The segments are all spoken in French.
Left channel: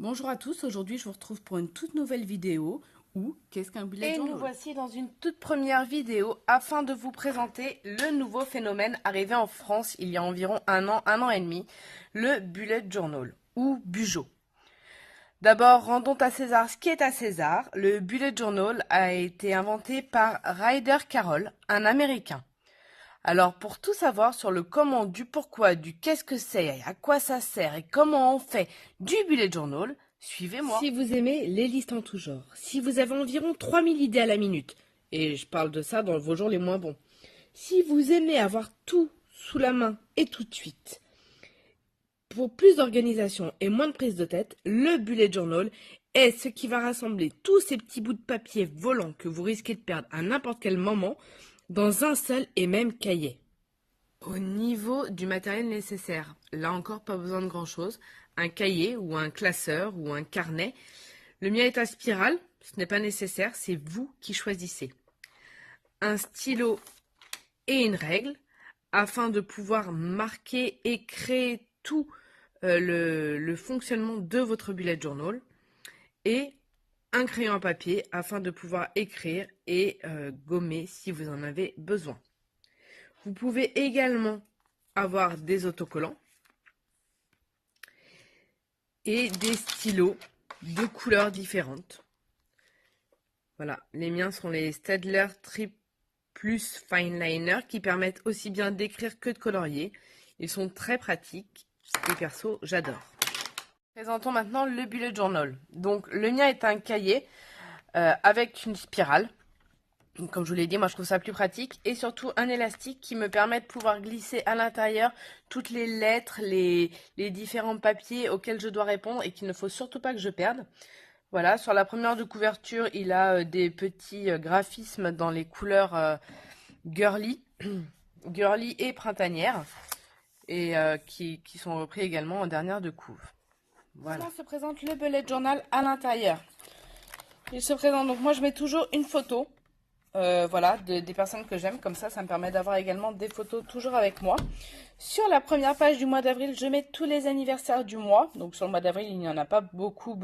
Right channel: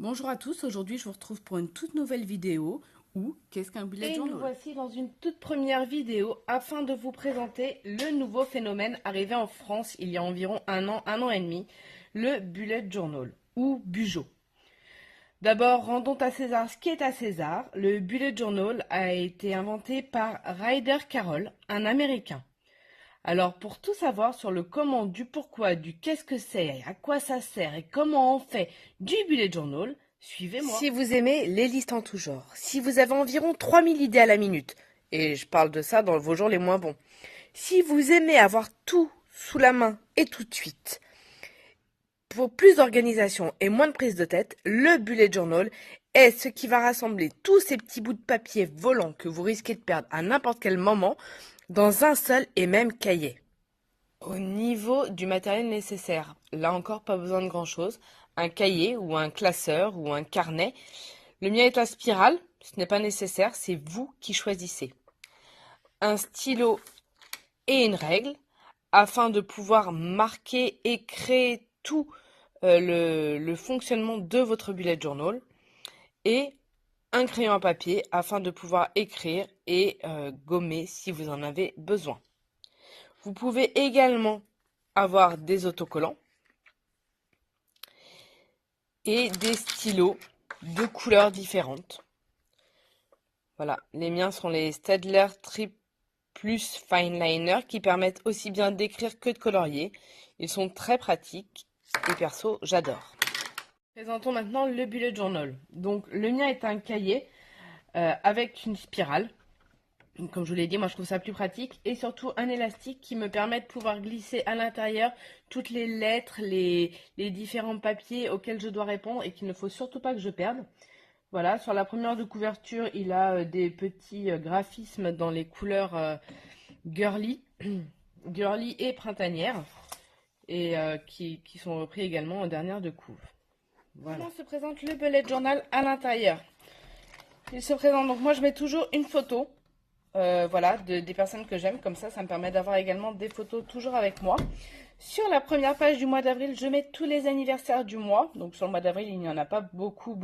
Bonjour à tous, aujourd'hui je vous retrouve pour une toute nouvelle vidéo où qu'est-ce qu'un bullet journal? Nous voici dans une toute première vidéo afin de vous présenter le nouveau phénomène arrivé en France il y a environ un an et demi, le bullet journal ou bugeot. D'abord, rendons à César ce qui est à César. Le bullet journal a été inventé par Ryder Carroll, un Américain. Alors, pour tout savoir sur le comment, du pourquoi, du qu'est-ce que c'est, à quoi ça sert et comment on fait du bullet journal, suivez-moi. Si vous aimez les listes en tout genre, si vous avez environ 3000 idées à la minute, et je parle de ça dans vos jours les moins bons, si vous aimez avoir tout sous la main et tout de suite, pour plus d'organisation et moins de prise de tête, le bullet journal est ce qui va rassembler tous ces petits bouts de papier volants que vous risquez de perdre à n'importe quel moment dans un seul et même cahier. Au niveau du matériel nécessaire, là encore pas besoin de grand chose, un cahier ou un classeur ou un carnet. Le mien est à spirale, ce n'est pas nécessaire, c'est vous qui choisissez. Un stylo et une règle afin de pouvoir marquer et créer tout le fonctionnement de votre bullet journal et un crayon à papier afin de pouvoir écrire et gommer si vous en avez besoin. Vous pouvez également avoir des autocollants et des stylos de couleurs différentes. Voilà, les miens sont les Staedtler Trip Plus Fine Liner qui permettent aussi bien d'écrire que de colorier. Ils sont très pratiques et perso, j'adore. Présentons maintenant le bullet journal. Donc le mien est un cahier avec une spirale. Comme je vous l'ai dit, moi je trouve ça plus pratique et surtout un élastique qui me permet de pouvoir glisser à l'intérieur toutes les lettres, les différents papiers auxquels je dois répondre et qu'il ne faut surtout pas que je perde. Voilà, sur la première de couverture, il a des petits graphismes dans les couleurs girly, girly et printanières et qui sont repris également en dernière de couve. Voilà. Comment se présente le bullet journal à l'intérieur? Il se présente, donc moi je mets toujours une photo. Voilà, des personnes que j'aime, comme ça me permet d'avoir également des photos toujours avec moi. Sur la première page du mois d'avril, je mets tous les anniversaires du mois. Donc sur le mois d'avril, il n'y en a pas beaucoup.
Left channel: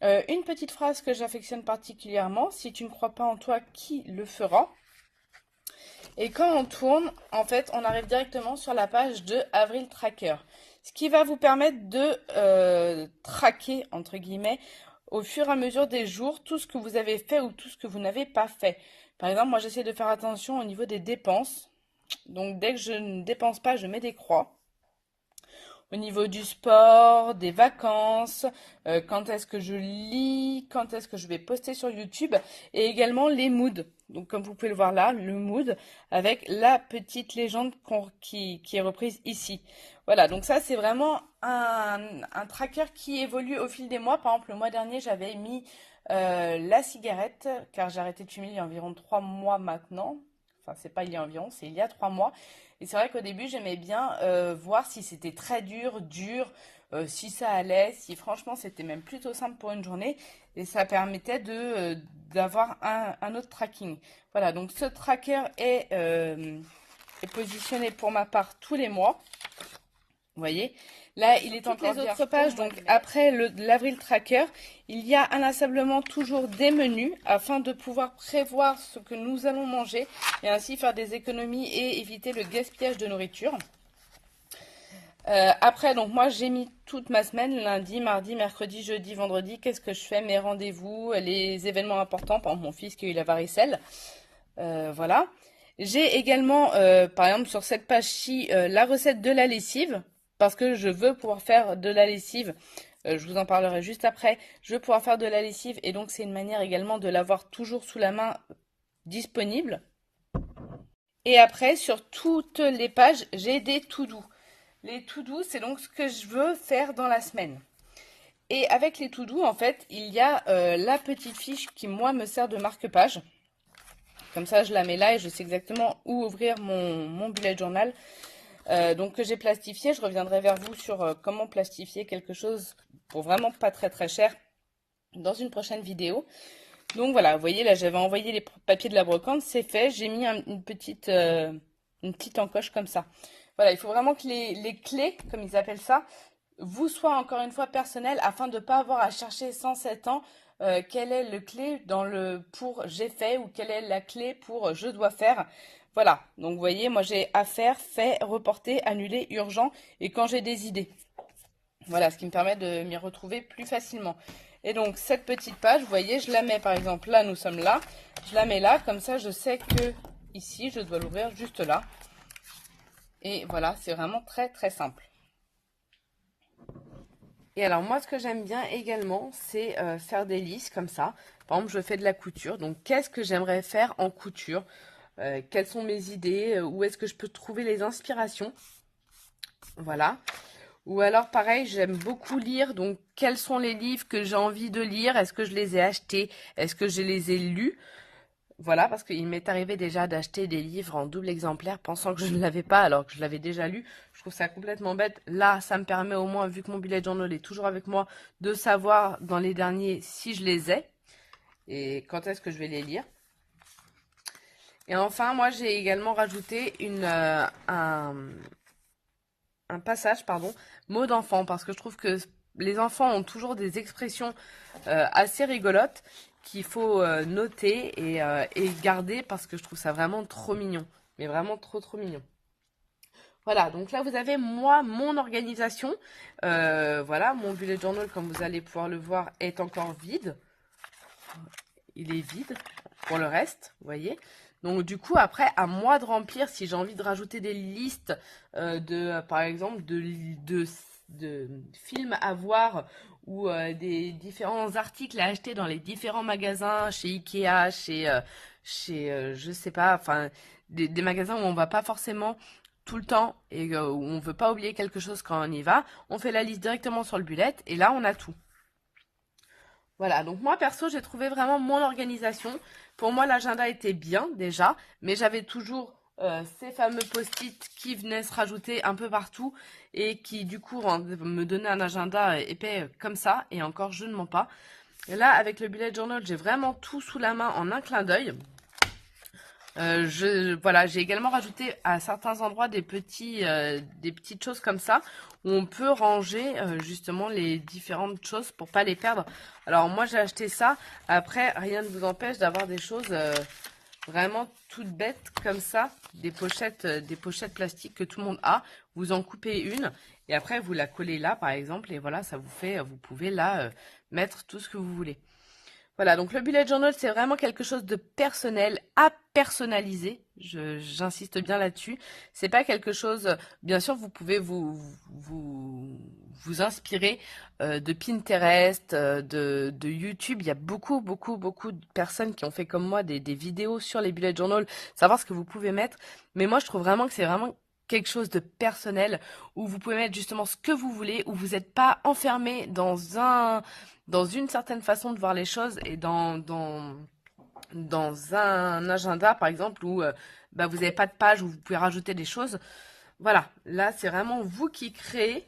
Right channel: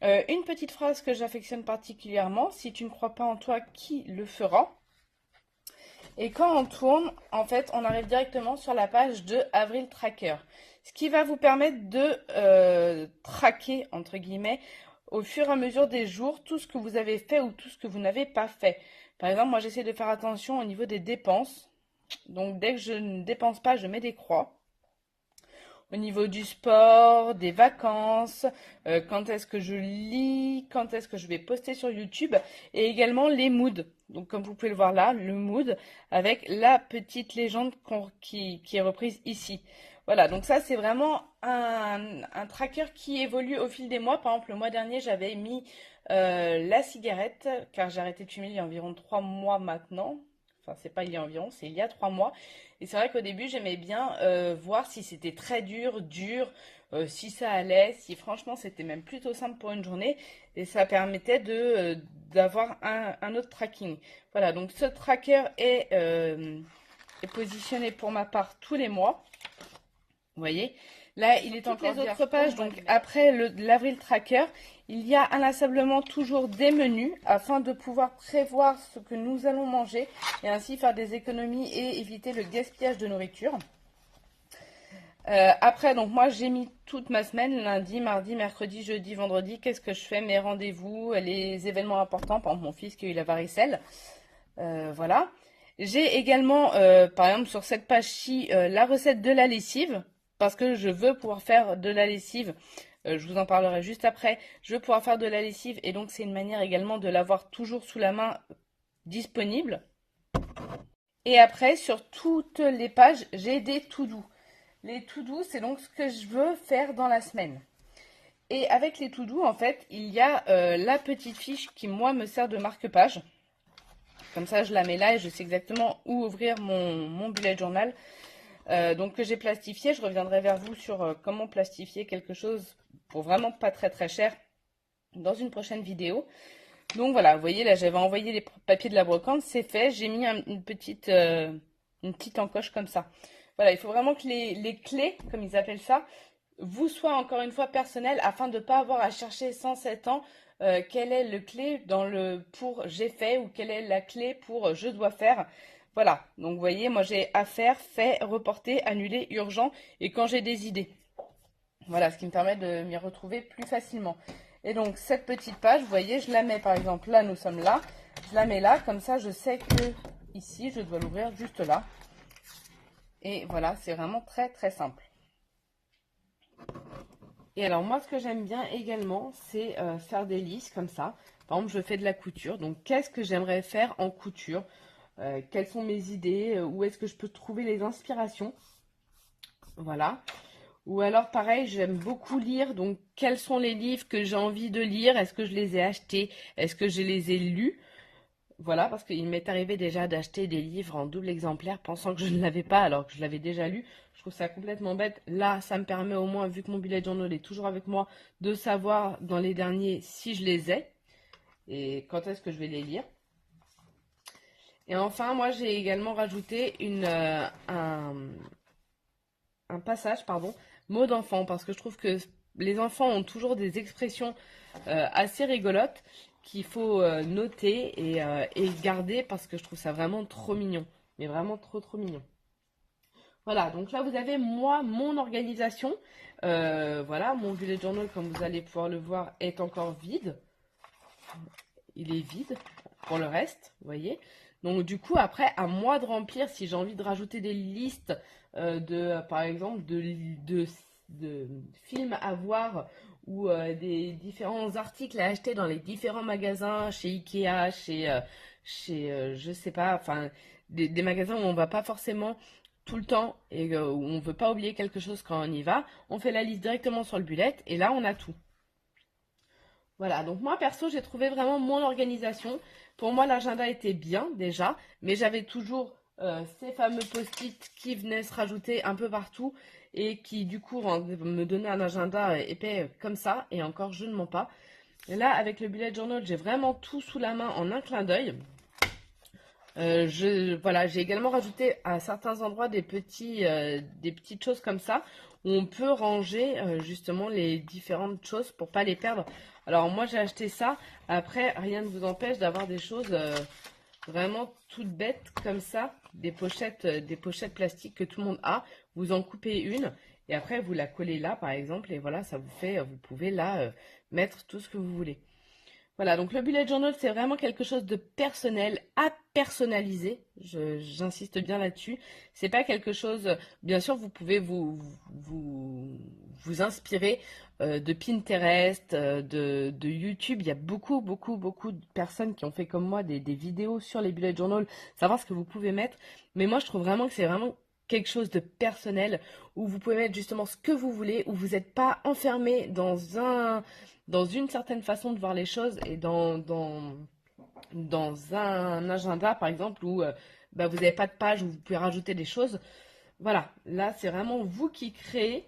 Une petite phrase que j'affectionne particulièrement: si tu ne crois pas en toi, qui le fera? Et quand on tourne, en fait, on arrive directement sur la page de Avril Tracker. Ce qui va vous permettre de traquer, entre guillemets, au fur et à mesure des jours, tout ce que vous avez fait ou tout ce que vous n'avez pas fait. Par exemple, moi j'essaie de faire attention au niveau des dépenses. Donc dès que je ne dépense pas, je mets des croix. Au niveau du sport, des vacances, quand est-ce que je lis, quand est-ce que je vais poster sur YouTube, et également les moods. Donc comme vous pouvez le voir là, le mood avec la petite légende qui est reprise ici. Voilà, donc ça c'est vraiment un tracker qui évolue au fil des mois. Par exemple, le mois dernier, j'avais mis la cigarette, car j'ai arrêté de fumer il y a environ 3 mois maintenant. Enfin, c'est pas il y a environ, c'est il y a 3 mois. Et c'est vrai qu'au début, j'aimais bien voir si c'était très dur, si ça allait, si franchement c'était même plutôt simple pour une journée. Et ça permettait d'avoir un autre tracking. Voilà, donc ce tracker est positionné pour ma part tous les mois. Vous voyez, là il est encore les autres pages. Donc après l'avril tracker, il y a inlassablement toujours des menus afin de pouvoir prévoir ce que nous allons manger et ainsi faire des économies et éviter le gaspillage de nourriture. Après, donc moi j'ai mis toute ma semaine, lundi, mardi, mercredi, jeudi, vendredi, qu'est-ce que je fais, mes rendez-vous, les événements importants, par exemple mon fils qui a eu la varicelle. Voilà. J'ai également, par exemple sur cette page-ci, la recette de la lessive, parce que je veux pouvoir faire de la lessive. Je vous en parlerai juste après. Je veux pouvoir faire de la lessive et donc c'est une manière également de l'avoir toujours sous la main disponible. Et après, sur toutes les pages, j'ai des to-do. Les to-do, c'est donc ce que je veux faire dans la semaine. Et avec les to-do, en fait, il y a la petite fiche qui, moi, me sert de marque-page. Comme ça, je la mets là et je sais exactement où ouvrir mon bullet journal. Donc que j'ai plastifié. Je reviendrai vers vous sur comment plastifier quelque chose pour vraiment pas très très cher dans une prochaine vidéo. Donc voilà, vous voyez là, j'avais envoyé les papiers de la brocante, c'est fait. J'ai mis une petite encoche comme ça. Voilà, il faut vraiment que les clés, comme ils appellent ça, vous soit encore une fois personnel afin de ne pas avoir à chercher sans 7 ans quelle est le clé dans le pour j'ai fait ou quelle est la clé pour je dois faire. Voilà, donc vous voyez, moi j'ai à faire, fait, reporter, annuler, urgent et quand j'ai des idées. Voilà, ce qui me permet de m'y retrouver plus facilement. Et donc cette petite page, vous voyez, je la mets par exemple là, nous sommes là, je la mets là, comme ça je sais que ici je dois l'ouvrir juste là. Et voilà, c'est vraiment très très simple. Et alors moi ce que j'aime bien également c'est faire des listes comme ça. Par exemple je fais de la couture, donc qu'est-ce que j'aimerais faire en couture, quelles sont mes idées, où est-ce que je peux trouver les inspirations. Voilà. Ou alors pareil j'aime beaucoup lire, donc quels sont les livres que j'ai envie de lire, est-ce que je les ai achetés, est-ce que je les ai lus. Voilà, parce qu'il m'est arrivé déjà d'acheter des livres en double exemplaire pensant que je ne l'avais pas alors que je l'avais déjà lu. Je trouve ça complètement bête. Là, ça me permet au moins, vu que mon bullet journal est toujours avec moi, de savoir dans les derniers si je les ai et quand est-ce que je vais les lire. Et enfin, moi, j'ai également rajouté un passage, pardon, mots d'enfant, parce que je trouve que les enfants ont toujours des expressions assez rigolotes qu'il faut noter et garder parce que je trouve ça vraiment trop mignon. Mais vraiment trop trop mignon. Voilà, donc là vous avez moi, mon organisation. Voilà, mon bullet journal, comme vous allez pouvoir le voir, est encore vide. Il est vide pour le reste, vous voyez. Donc du coup, après, à moi de remplir si j'ai envie de rajouter des listes par exemple, de films à voir ou des différents articles à acheter dans les différents magasins, chez Ikea, je sais pas, enfin, des magasins où on va pas forcément tout le temps et où on veut pas oublier quelque chose quand on y va. On fait la liste directement sur le bullet et là, on a tout. Voilà, donc moi perso, j'ai trouvé vraiment mon organisation. Pour moi, l'agenda était bien déjà, mais j'avais toujours ces fameux post-it qui venaient se rajouter un peu partout et qui du coup me donnaient un agenda épais comme ça. Et encore, je ne mens pas. Et là, avec le bullet journal, j'ai vraiment tout sous la main en un clin d'œil. Voilà, j'ai également rajouté à certains endroits des petites choses comme ça où on peut ranger justement les différentes choses pour pas les perdre. Alors moi j'ai acheté ça. Après rien ne vous empêche d'avoir des choses vraiment toutes bêtes comme ça, des pochettes plastiques que tout le monde a. Vous en coupez une et après vous la collez là par exemple et voilà ça vous fait, vous pouvez là mettre tout ce que vous voulez. Voilà, donc le bullet journal, c'est vraiment quelque chose de personnel, à personnaliser. J'insiste bien là-dessus. C'est pas quelque chose. Bien sûr, vous pouvez vous inspirer de Pinterest, de YouTube. Il y a beaucoup de personnes qui ont fait comme moi des vidéos sur les bullet journal, savoir ce que vous pouvez mettre. Mais moi, je trouve vraiment que c'est vraiment quelque chose de personnel où vous pouvez mettre justement ce que vous voulez, où vous n'êtes pas enfermé dans une certaine façon de voir les choses et dans un agenda par exemple où vous n'avez pas de page où vous pouvez rajouter des choses. Voilà, là c'est vraiment vous qui créez.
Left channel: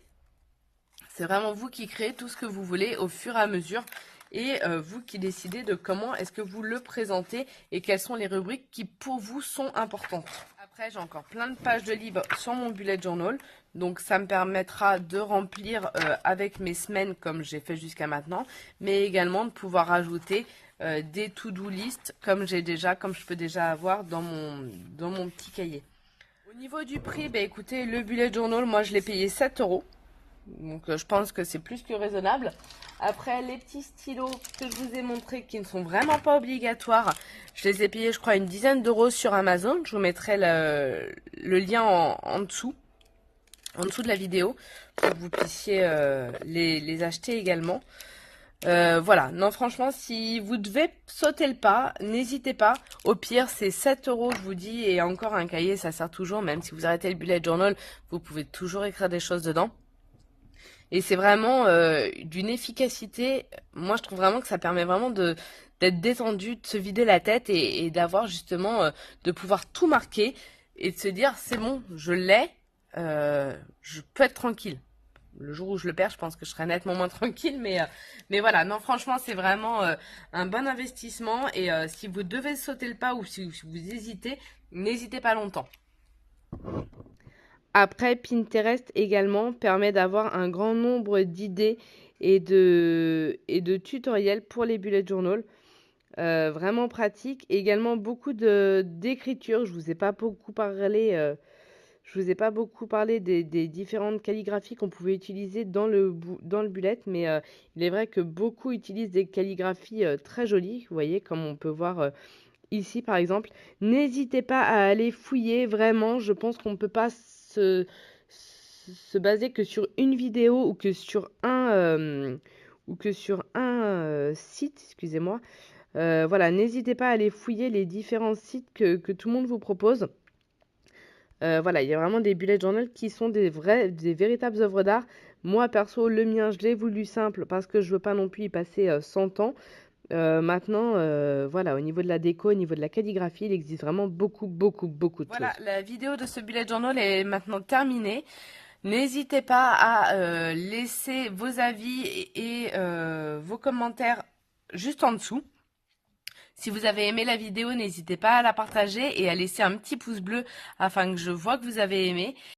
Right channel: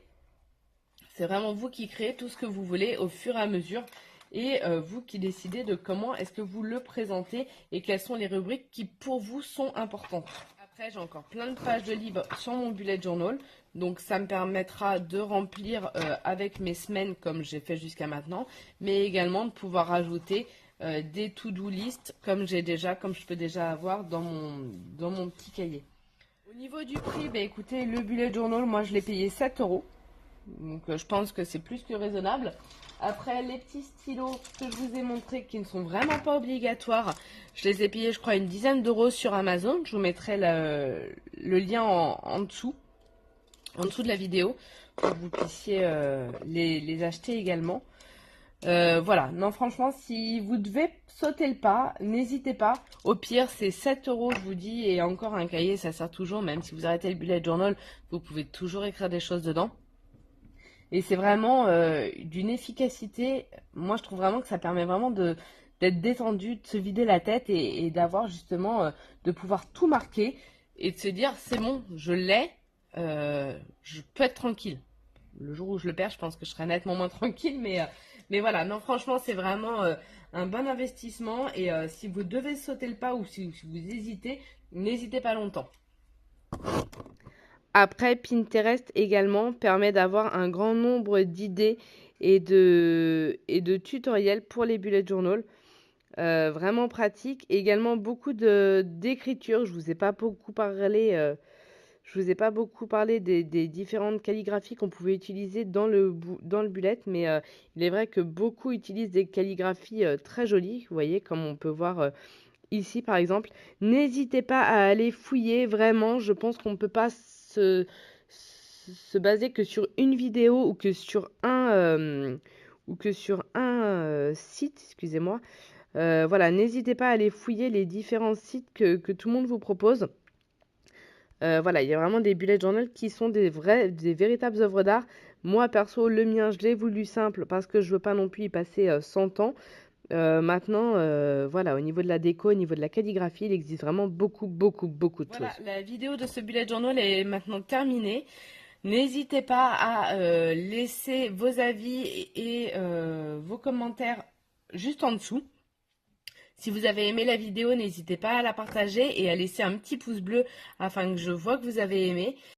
C'est vraiment vous qui créez tout ce que vous voulez au fur et à mesure et vous qui décidez de comment est-ce que vous le présentez et quelles sont les rubriques qui pour vous sont importantes. Après, j'ai encore plein de pages de livres sur mon bullet journal. Donc, ça me permettra de remplir avec mes semaines comme j'ai fait jusqu'à maintenant. Mais également de pouvoir ajouter des to-do list comme je peux déjà avoir dans mon petit cahier. Au niveau du prix, écoutez, le bullet journal, moi je l'ai payé 7 euros. Donc, je pense que c'est plus que raisonnable. Après, les petits stylos que je vous ai montrés qui ne sont vraiment pas obligatoires, je les ai payés, je crois, une dizaine d'euros sur Amazon. Je vous mettrai le lien en dessous de la vidéo pour que vous puissiez les acheter également. Voilà, non franchement, si vous devez sauter le pas, n'hésitez pas. Au pire, c'est 7 euros, je vous dis, et encore un cahier, ça sert toujours. Même si vous arrêtez le bullet journal, vous pouvez toujours écrire des choses dedans. Et c'est vraiment d'une efficacité. Moi, je trouve vraiment que ça permet vraiment d'être détendu, de se vider la tête et d'avoir justement, de pouvoir tout marquer et de se dire, c'est bon, je l'ai, je peux être tranquille. Le jour où je le perds, je pense que je serai nettement moins tranquille. Mais voilà, non, franchement, c'est vraiment un bon investissement. Et si vous devez sauter le pas ou si vous hésitez, n'hésitez pas longtemps. Après, Pinterest également permet d'avoir un grand nombre d'idées et de tutoriels pour les bullet journal. Vraiment pratique. Et également beaucoup d'écriture. Je vous ai pas beaucoup parlé des différentes calligraphies qu'on pouvait utiliser dans le bullet, mais il est vrai que beaucoup utilisent des calligraphies très jolies, vous voyez, comme on peut voir ici par exemple. N'hésitez pas à aller fouiller, vraiment, je pense qu'on ne peut pas se baser que sur une vidéo ou que sur un site, excusez-moi. Voilà, n'hésitez pas à aller fouiller les différents sites que tout le monde vous propose. Voilà, il y a vraiment des bullet journal qui sont des véritables œuvres d'art. Moi, perso, le mien, je l'ai voulu simple parce que je veux pas non plus y passer 100 ans. Maintenant, voilà, au niveau de la déco, au niveau de la calligraphie, il existe vraiment beaucoup de Voilà, choses. la vidéo de ce bullet journal est maintenant terminée. N'hésitez pas à laisser vos avis et vos commentaires juste en dessous. Si vous avez aimé la vidéo, n'hésitez pas à la partager et à laisser un petit pouce bleu afin que je vois que vous avez aimé.